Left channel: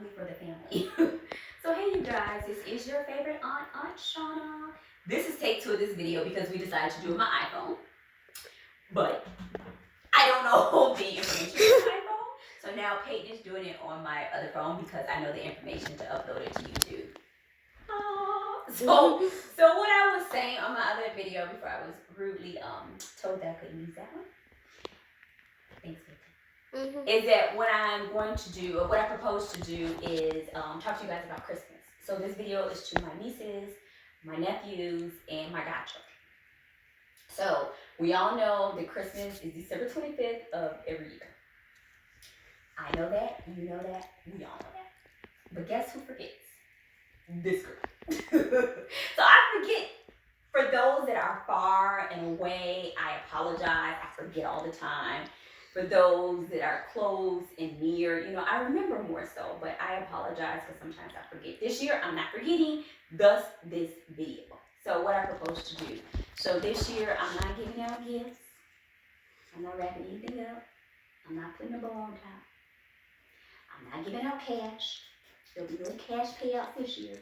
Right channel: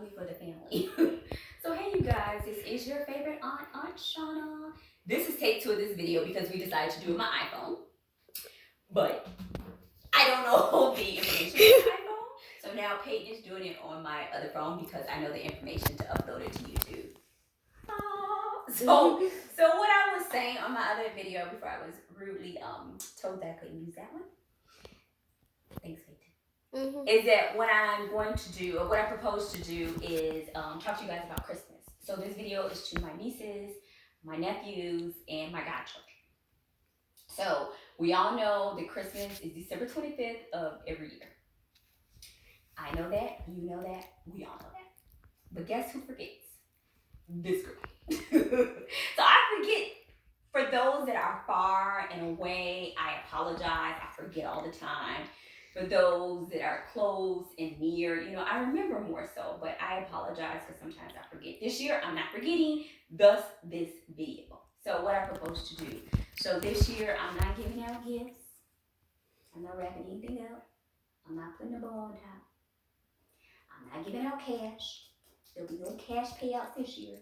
solely for the family. So hey you guys, this is your favorite Aunt Shawna. This is take two of this video because we decided to do it on my iPhone. But I don't know the information on my iPhone. So now Peyton is doing it on my other phone because I know the information to upload it to YouTube. So what I was saying on my other video before I was rudely told that I couldn't use that one. Thanks, Peyton. Is that what I'm going to do, or what I propose to do is talk to you guys about Christmas. So this video is to my nieces, my nephews, and my godchildren. So we all know that Christmas is December 25th of every year. I know that, you know that, we all know that. But guess who forgets? This girl. So I forget. For those that are far and away, I apologize. I forget all the time. For those that are close and near, I remember more so, but I apologize because sometimes I forget. This year, I'm not forgetting, thus this video. So what I propose to do. So this year, I'm not giving out gifts. I'm not wrapping anything up. I'm not putting a bow on top. I'm not giving out cash. There'll be no cash payouts this year.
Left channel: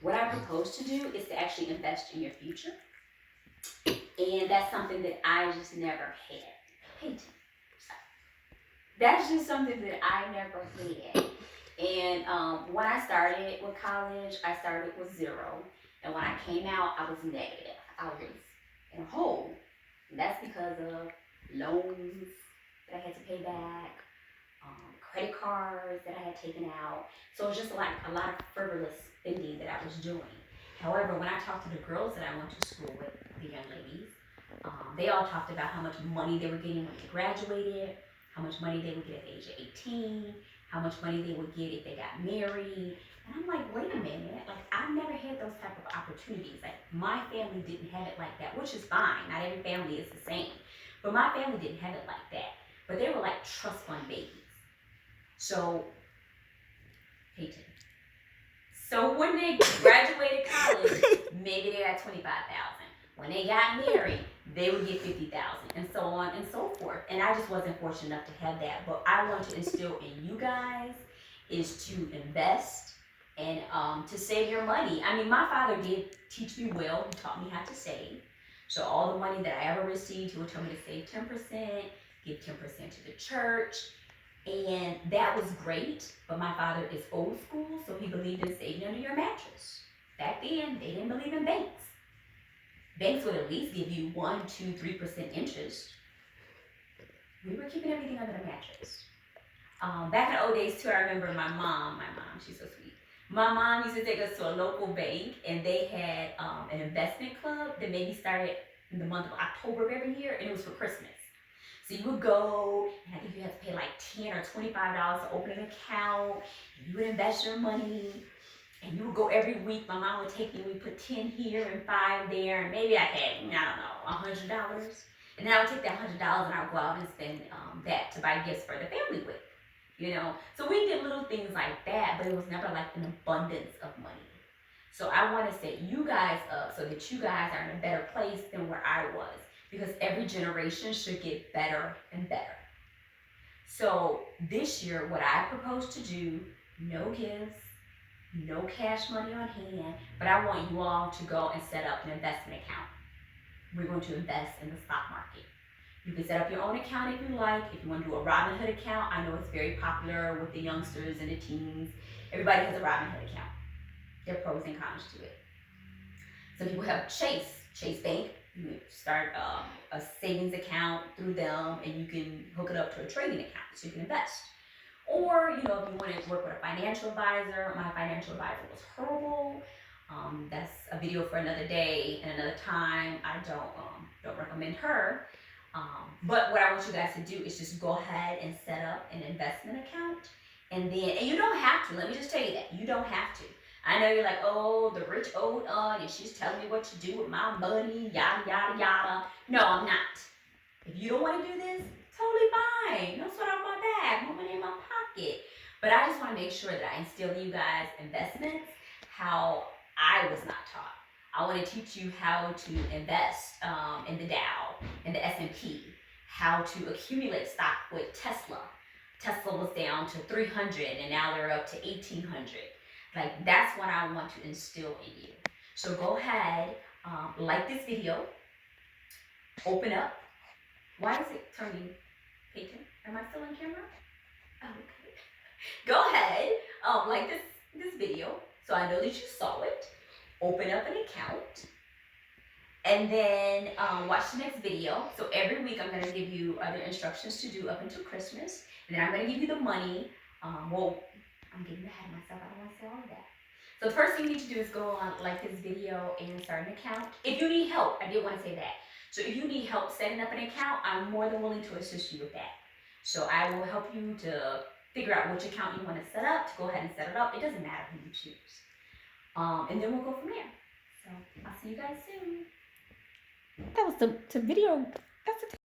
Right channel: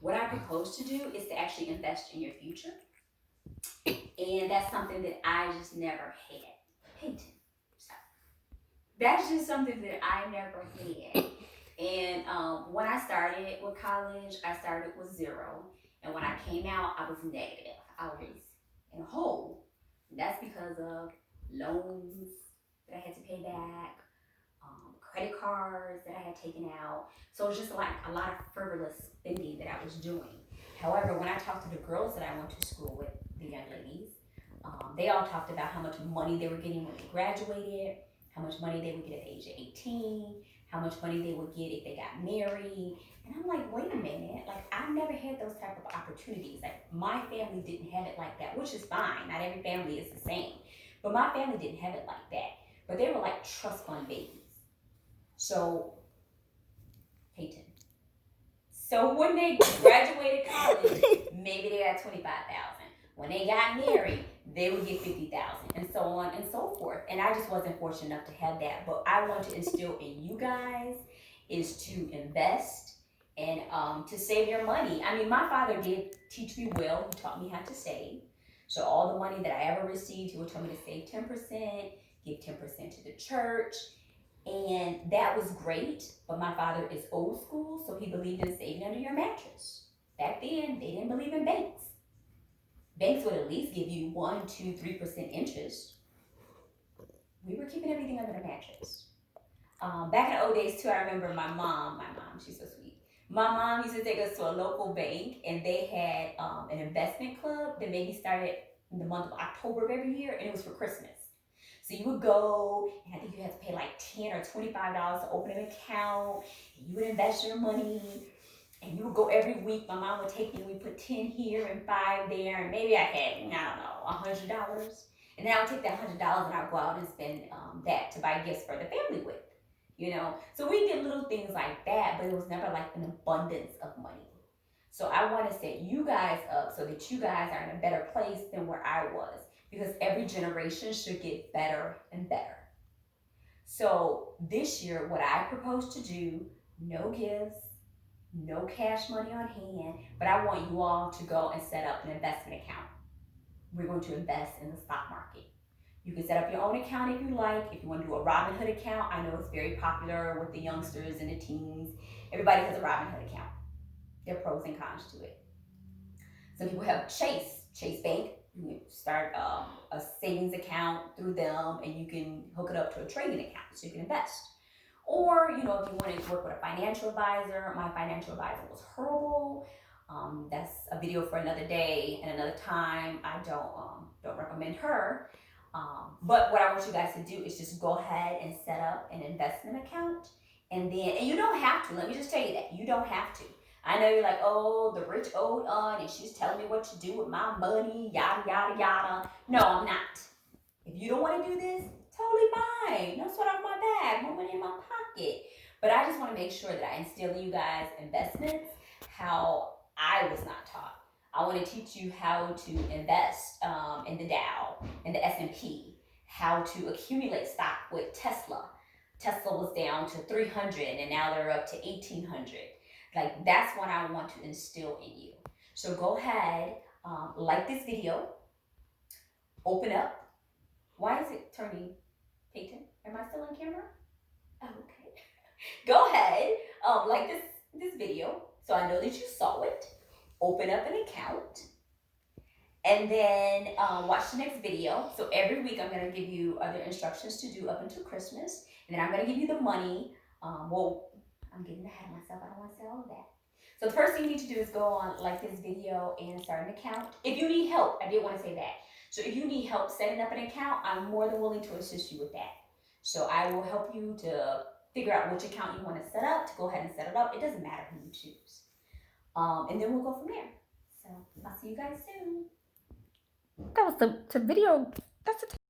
What I propose to do is to actually invest in your future. And that's something that I just never had. Peyton. That's just something that I never had. And when I started with college, I started with zero. And when I came out, I was negative. I was in a hole. And that's because of loans that I had to pay back, credit cards that I had taken out. So it was just like a lot of frivolous spending that I was doing. However, when I talked to the girls that I went to school with, the young ladies, they all talked about how much money they were getting when they graduated, how much money they would get at the age of 18, how much money they would get if they got married. And I'm like, wait a minute, like I've never had those type of opportunities. Like my family didn't have it like that, which is fine. Not every family is the same. But my family didn't have it like that. But they were like trust fund babies. So, Peyton. So when they graduated college, maybe they got $25,000. When they got married, they would get $50,000, and so on and so forth. And I just wasn't fortunate enough to have that. But I want to instill in you guys is to invest and to save your money. I mean, my father did teach me well. He taught me how to save. So all the money that I ever received, he would tell me to save 10%, give 10% to the church. And that was great, but my father is old school, so he believed in saving under your mattress. Back then, they didn't believe in banks. Banks would at least give you 1, 2, 3% interest. We were keeping everything under the mattress. Back in the old days too, I remember my mom, she's so sweet. My mom used to take us to a local bank, and they had an investment club that maybe started in the month of October of every year, and it was for Christmas. So you would go, and I think you had to pay like $10 or $25 to open an account. And you would invest your money, and you would go every week. My mom would take me, we put 10 here and 5 there, and maybe I had, $100. And then I would take that $100 and I would go out and spend that to buy gifts for the family with, So we did little things like that, but it was never like an abundance of money. So I want to set you guys up so that you guys are in a better place than where I was. Because every generation should get better and better. So this year, what I propose to do, no gifts, no cash money on hand, but I want you all to go and set up an investment account. We're going to invest in the stock market. You can set up your own account if you like. If you want to do a Robinhood account, I know it's very popular with the youngsters and the teens. Everybody has a Robinhood account. There are pros and cons to it. Some people have Chase Bank. You start a savings account through them, and you can hook it up to a trading account so you can invest. Or, if you want to work with a financial advisor, my financial advisor was horrible. That's a video for another day and another time. I don't recommend her. But what I want you guys to do is just go ahead and set up an investment account. And you don't have to. Let me just tell you that. You don't have to. I know you're like, oh, the rich old aunt, and she's telling me what to do with my money, yada, yada, yada. No, I'm not. If you don't want to do this, totally fine. No sweat off my back, more money in my pocket. But I just want to make sure that I instill in you guys investments how I was not taught. I want to teach you how to invest in the Dow, in the S&P, how to accumulate stock with Tesla, Tesla was down to 300 and now they're up to 1800. Like, that's what I want to instill in you. So go ahead, like this video, open up. Why is it turning, Peyton? Am I still on camera? Oh, okay. Go ahead, like this video, so I know that you saw it. Open up an account, and then watch the next video. So every week I'm gonna give you other instructions to do up until Christmas, and then I'm gonna give you the money. Well, I'm getting ahead of myself. I don't want to say all of that. So the first thing you need to do is go on, like this video, and start an account. If you need help, I did want to say that. So if you need help setting up an account, I'm more than willing to assist you with that. So I will help you to figure out which account you want to set up, to go ahead and set it up. It doesn't matter who you choose. And then we'll go from there. So I'll see you guys soon. That was the video. That's the